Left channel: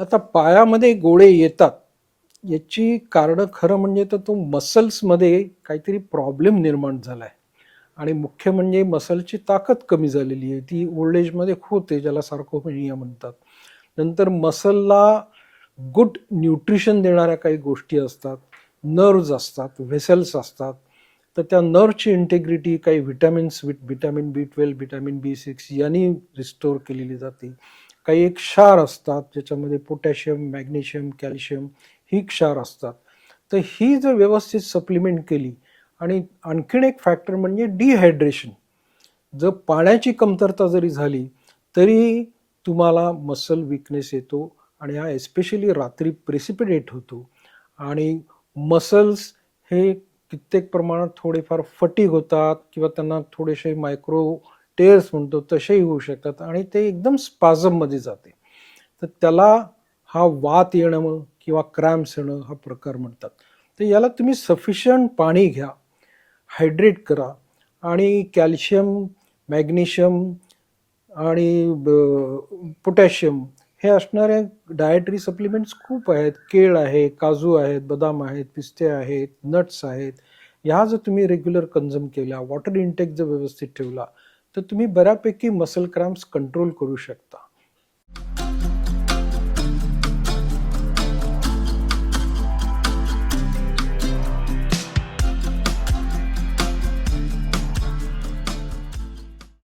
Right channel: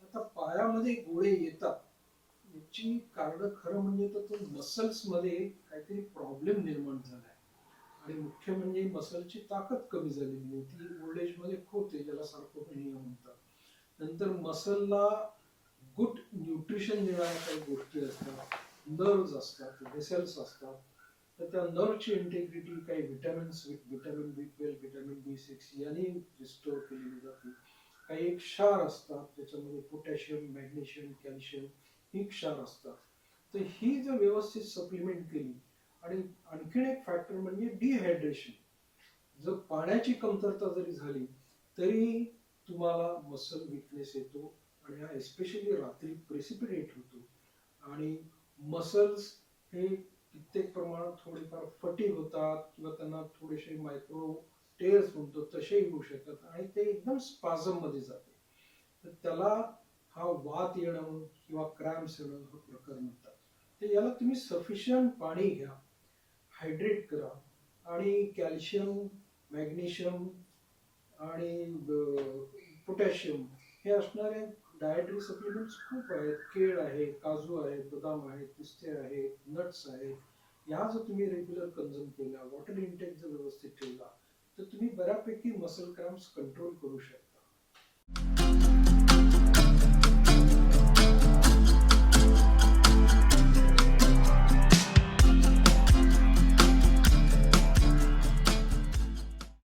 आता पायामध्ये गोळे येतात. याची कारणं खरं म्हणजे तर तो मसल्समध्ये काहीतरी प्रॉब्लेम निर्माण झाला आहे आणि मुख्य म्हणजे मसलची ताकद कमी झालेली आहे. ती ओल्ड एजमध्ये होते ज्याला सार्कोपेनिया म्हणतात. नंतर मसलला गुड न्यूट्रिशन देणाऱ्या काही गोष्टी असतात. नर्व्ज असतात व्हेसल्स असतात. तर त्या नर्वची इंटेग्रिटी काही vitamins vitamin B twelve vitamin B six यांनी रिस्टोर केलेली जाते. काही एक क्षार असतात ज्याच्यामध्ये पोटॅशियम मॅग्नेशियम कॅल्शियम ही क्षार असतात. तर ही जर व्यवस्थित सप्लिमेंट केली आणि आणखीन एक फॅक्टर म्हणजे डिहायड्रेशन जर पाण्याची कमतरता जरी झाली तरी तुम्हाला मसल विकनेस येतो आणि हा एस्पेशली रात्री प्रेसिपिटेट होतो. आणि मसल्स हे कित्येक प्रमाणात थोडेफार फटीग होतात किंवा त्यांना थोडेसे मायक्रो टेअर्स म्हणतो तसेही होऊ शकतात आणि ते एकदम स्पाझममध्ये जाते. तर त्याला हा वात येणं किंवा क्रॅम्प्स येणं हा प्रकार म्हणतात. तर याला तुम्ही सफिशियंट पाणी घ्या हायड्रेट करा आणि कॅल्शियम मॅग्नेशियम आणि पोटॅशियम हे असणारे डायटरी सप्लिमेंट्स खूप आहेत. केळ आहे काजू आहेत बदाम आहेत पिस्ते आहेत नट्स आहेत. ह्या जर तुम्ही रेग्युलर कन्झ्युम केल्या वॉटर इंटेक जर व्यवस्थित ठेवला तर तुम्ही बऱ्यापैकी मसल क्रॅम्प्स कंट्रोल करू शकता.